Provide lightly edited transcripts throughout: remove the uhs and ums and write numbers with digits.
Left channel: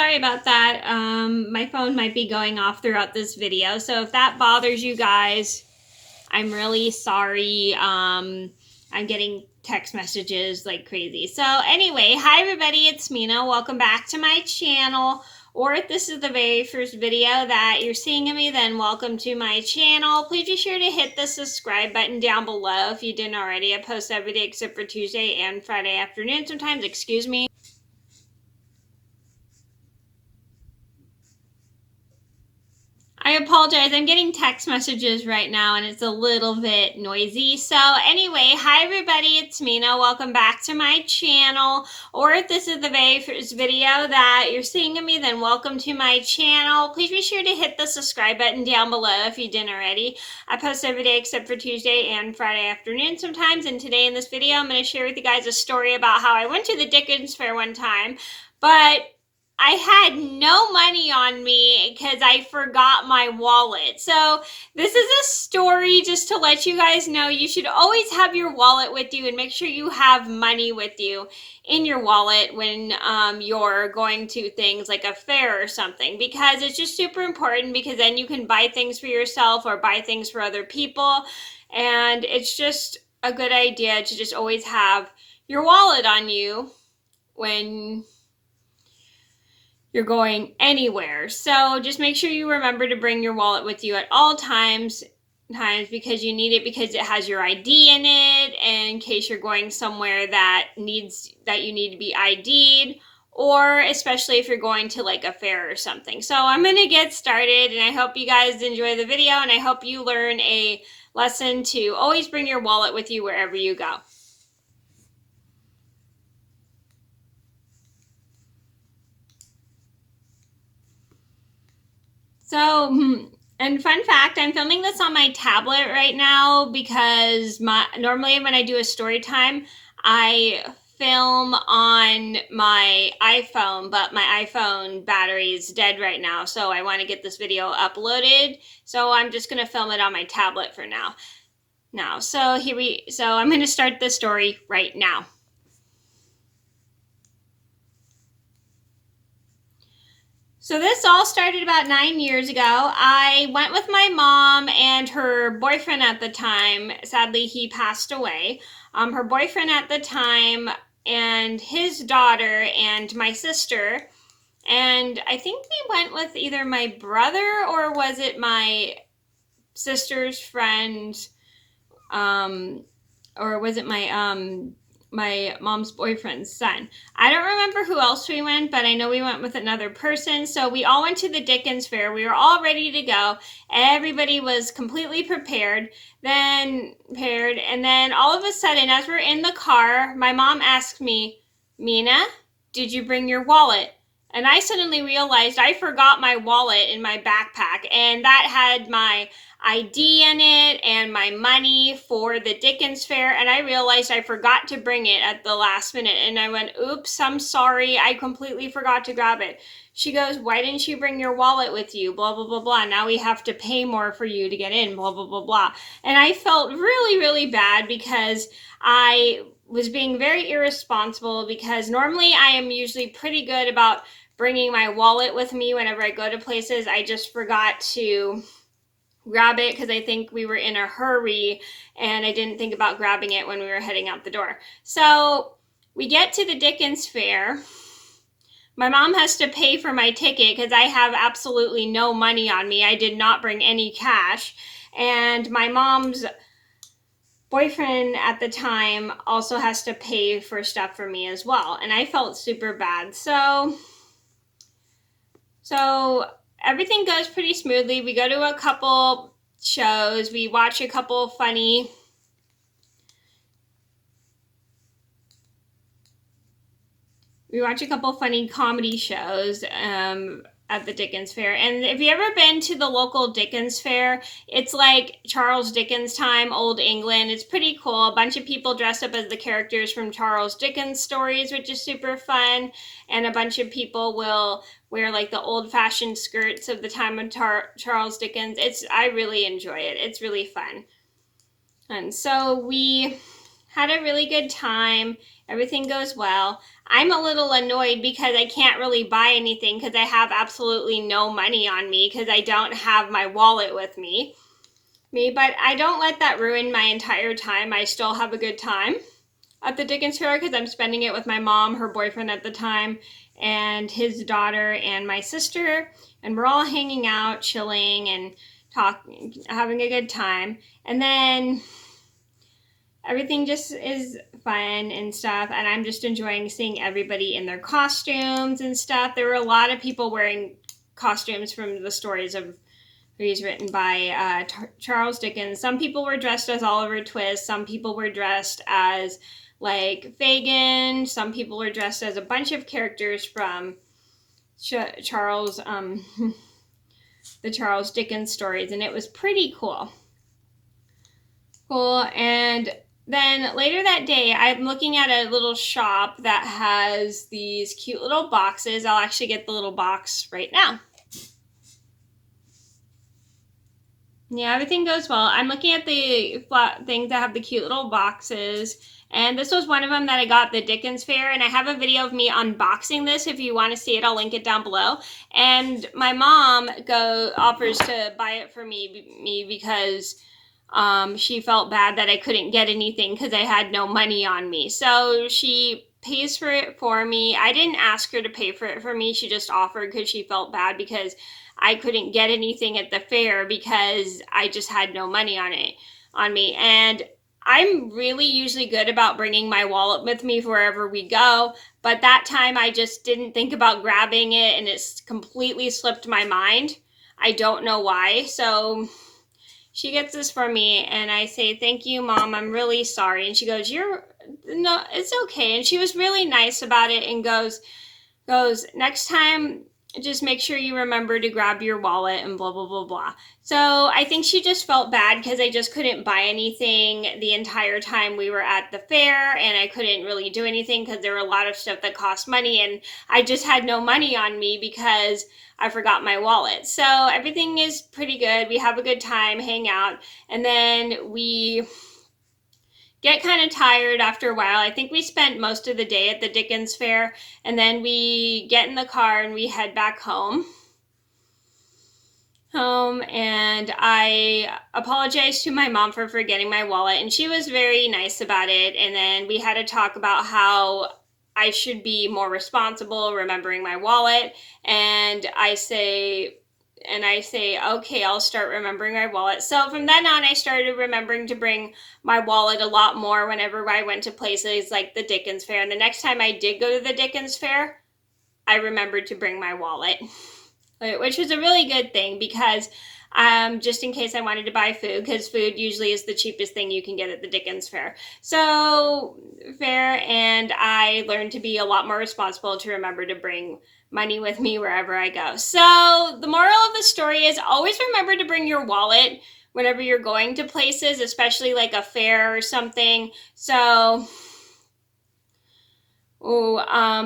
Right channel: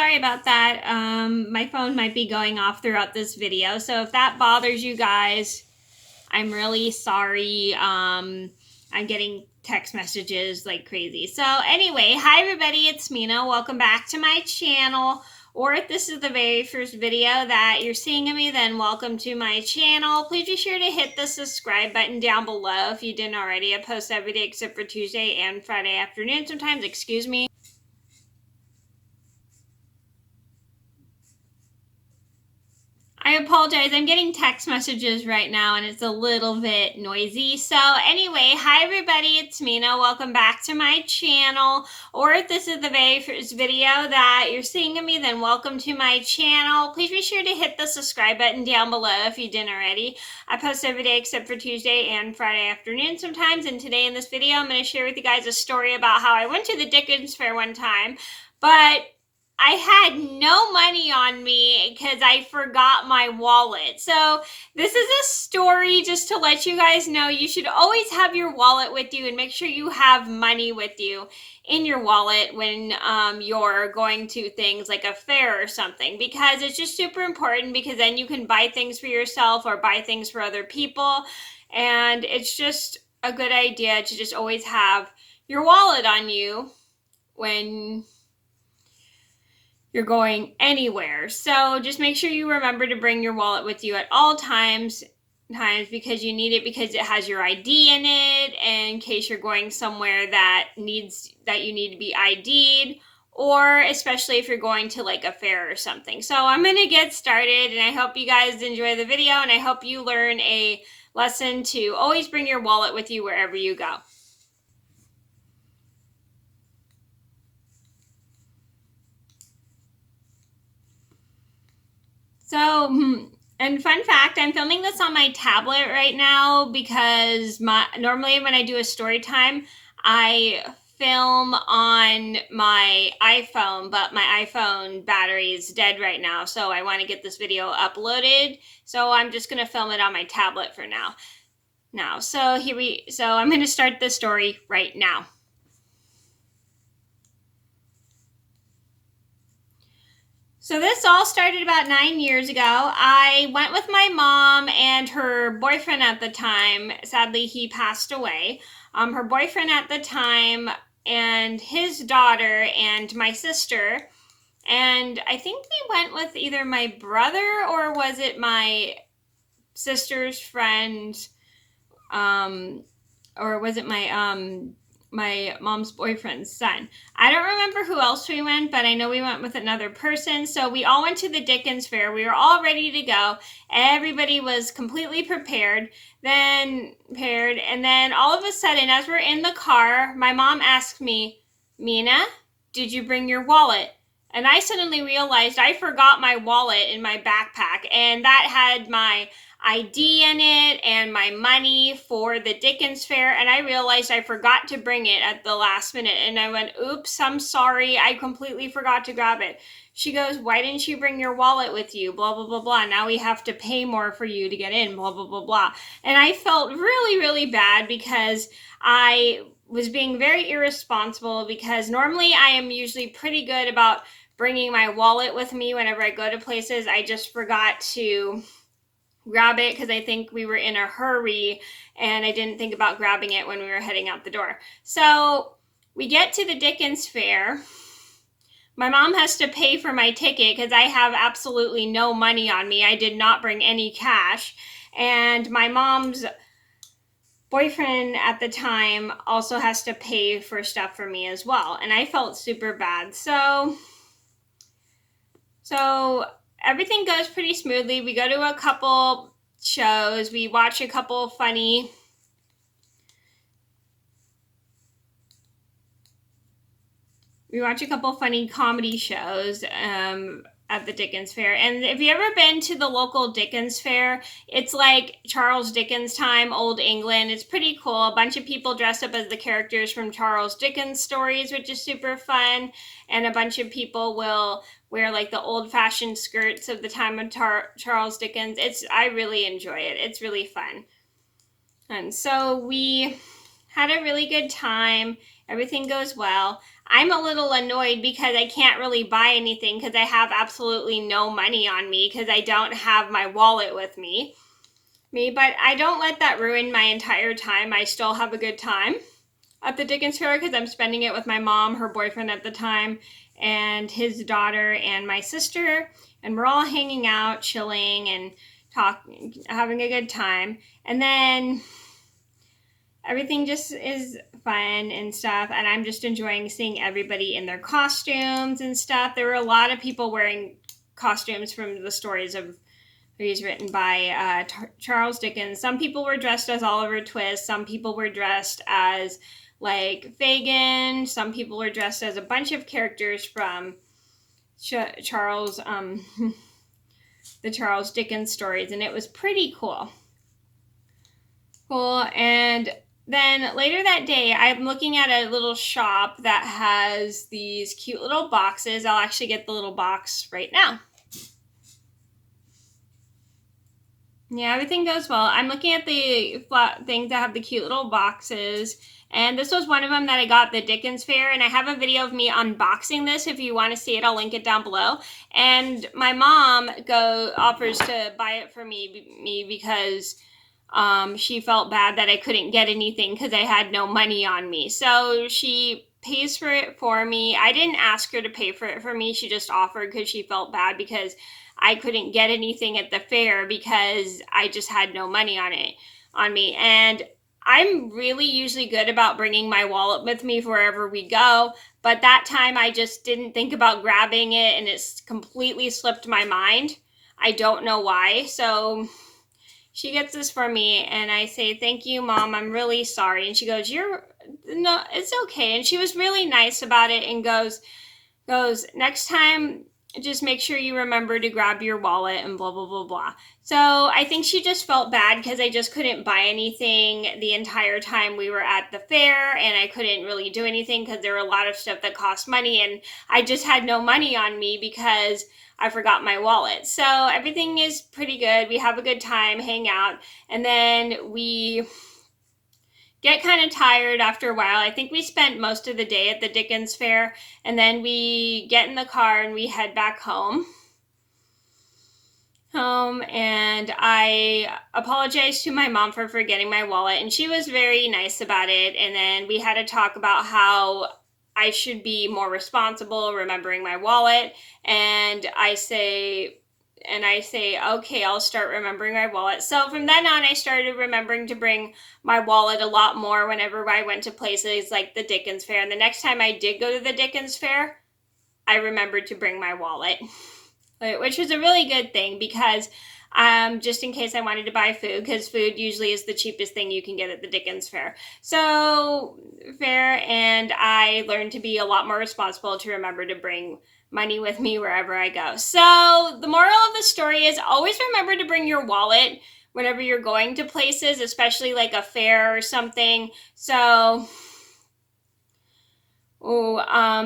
sorry about that. My phone might be going off throughout this video, so if that bothers you guys, I'm really sorry. I'm getting text messages like crazy. So anyway, hi everybody, it's Mena. Welcome back to my channel. Or if this is the very first video that you're seeing of me, then welcome to my channel. Please be sure to hit the subscribe button down below if you didn't already. I post every day except for Tuesday and Friday afternoon sometimes, excuse me. I apologize, I'm getting text messages right now and it's a little bit noisy. So anyway, hi everybody, it's Mena. Welcome back to my channel. Or if this is the very first video that you're seeing of me, then welcome to my channel. Please be sure to hit the subscribe button down below if you didn't already. I post every day except for Tuesday and Friday afternoon sometimes. And today in this video, I'm going to share with you guys a story about how I went to the Dickens fair one time, but I had no money on me because I forgot my wallet. So this is a story just to let you guys know you should always have your wallet with you and make sure you have money with you in your wallet when you're going to things like a fair or something, because it's just super important, because then you can buy things for yourself or buy things for other people. And it's just a good idea to just always have your wallet on you when you're going anywhere. So just make sure you remember to bring your wallet with you at all times because you need it, because it has your ID in it, and in case you're going somewhere that you need to be ID'd, or especially if you're going to like a fair or something. So I'm going to get started, and I hope you guys enjoy the video, and I hope you learn a lesson to always bring your wallet with you wherever you go. So, and fun fact, I'm filming this on my tablet right now because normally when I do a story time, I film on my iPhone, but my iPhone battery is dead right now, so I want to get this video uploaded. So I'm just going to film it on my tablet for now. So I'm going to start the story right now. So this all started about 9 years ago. I went with my mom and her boyfriend at the time. Sadly, he passed away. Her boyfriend at the time and his daughter and my sister. And I think we went with either my brother or was it my sister's friend, or was it my mom's boyfriend's son. I don't remember who else we went, but I know we went with another person. So we all went to the Dickens fair. We were all ready to go. Everybody was completely prepared. And then all of a sudden, as we're in the car, my mom asked me, "Mena, did you bring your wallet?" And I suddenly realized I forgot my wallet in my backpack, and that had my ID in it and my money for the Dickens fair, and I realized I forgot to bring it at the last minute, and I went, "Oops, I'm sorry, I completely forgot to grab it." She goes, "Why didn't you bring your wallet with you? Blah, blah, blah, blah. Now we have to pay more for you to get in, blah, blah, blah, blah." And I felt really, really bad because I was being very irresponsible, because normally I am usually pretty good about bringing my wallet with me whenever I go to places. I just forgot to grab it because I think we were in a hurry and I didn't think about grabbing it when we were heading out the door. So we get to the Dickens fair. My mom has to pay for my ticket because I have absolutely no money on me. I did not bring any cash. And my mom's boyfriend at the time also has to pay for stuff for me as well. And I felt super bad. So everything goes pretty smoothly. We go to a couple shows. We watch a couple funny comedy shows at the Dickens fair. And if you ever been to the local Dickens fair, it's like Charles Dickens time, old England. It's pretty cool. A bunch of people dressed up as the characters from Charles Dickens stories, which is super fun. And a bunch of people will wear like the old-fashioned skirts of the time of Charles Dickens. I really enjoy it. It's really fun. And so we Had a really good time. Everything goes well. I'm a little annoyed because I can't really buy anything because I have absolutely no money on me because I don't have my wallet with me. But I don't let that ruin my entire time. I still have a good time at the Dickens Fair because I'm spending it with my mom, her boyfriend at the time, and his daughter and my sister, and we're all hanging out, chilling and talking, having a good time. And then everything just is fun and stuff, and I'm just enjoying seeing everybody in their costumes and stuff. There were a lot of people wearing costumes from the stories of He's written by Charles Dickens. Some people were dressed as Oliver Twist. Some people were dressed as like Fagin. Some people were dressed as a bunch of characters from Charles, the Charles Dickens stories, and it was pretty cool. And then later that day, I'm looking at a little shop that has these cute little boxes. I'll actually get the little box right now. Yeah, everything goes well. I'm looking at the things that have the cute little boxes, and this was one of them that I got at the Dickens Fair, and I have a video of me unboxing this. If you want to see it, I'll link it down below. And my mom offers to buy it for me because she felt bad that I couldn't get anything because I had no money on me. So she pays for it for me. I didn't ask her to pay for it for me. She just offered because she felt bad because I couldn't get anything at the fair because I just had no money on me. And I'm really usually good about bringing my wallet with me wherever we go, but that time I just didn't think about grabbing it and it's completely slipped my mind. I don't know why. So she gets this for me and I say, "Thank you, Mom. I'm really sorry." And she goes, "No, it's okay." And she was really nice about it and goes, "Next time, just make sure you remember to grab your wallet," and blah, blah, blah, blah. So I think she just felt bad because I just couldn't buy anything the entire time we were at the fair, and I couldn't really do anything because there were a lot of stuff that cost money, and I just had no money on me because I forgot my wallet. So everything is pretty good. We have a good time, hang out, and then we get kind of tired after a while. I think we spent most of the day at the Dickens Fair, and then we get in the car and we head back home. And I apologized to my mom for forgetting my wallet, and she was very nice about it. And then we had a talk about how I should be more responsible remembering my wallet. And I say, "Okay, I'll start remembering my wallet." So from then on, I started remembering to bring my wallet a lot more whenever I went to places like the Dickens Fair. And the next time I did go to the Dickens Fair, I remembered to bring my wallet, which was a really good thing because just in case I wanted to buy food, because food usually is the cheapest thing you can get at the Dickens Fair. And I learned to be a lot more responsible to remember to bring money with me wherever I go. So the moral of the story is always remember to bring your wallet whenever you're going to places, especially like a fair or something. So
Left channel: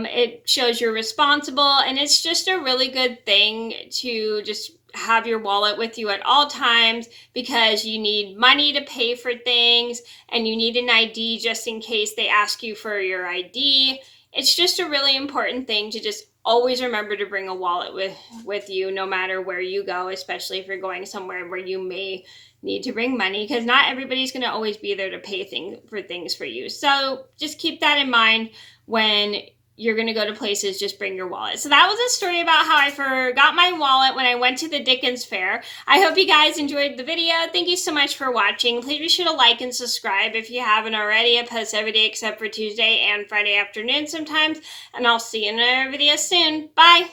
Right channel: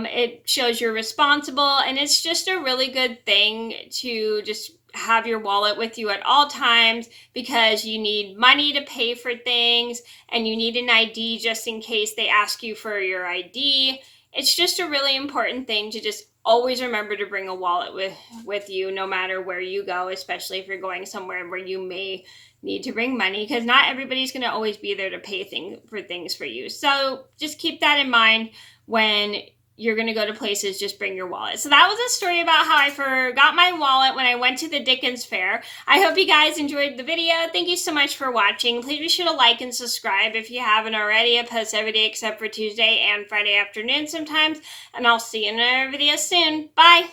it shows you're responsible, and it's just a really good thing to just have your wallet with you at all times because you need money to pay for things and you need an ID just in case they ask you for your ID. It's just a really important thing to just always remember to bring a wallet with you no matter where you go, especially if you're going somewhere where you may need to bring money, because not everybody's going to always be there to pay for things for you. So just keep that in mind when you're going to go to places. Just bring your wallet. So that was a story about how I forgot my wallet when I went to the Dickens Fair. I hope you guys enjoyed the video. Thank you so much for watching. Please be sure to like and subscribe if you haven't already. I post every day except for Tuesday and Friday afternoon sometimes, and I'll see you in another video soon. Bye.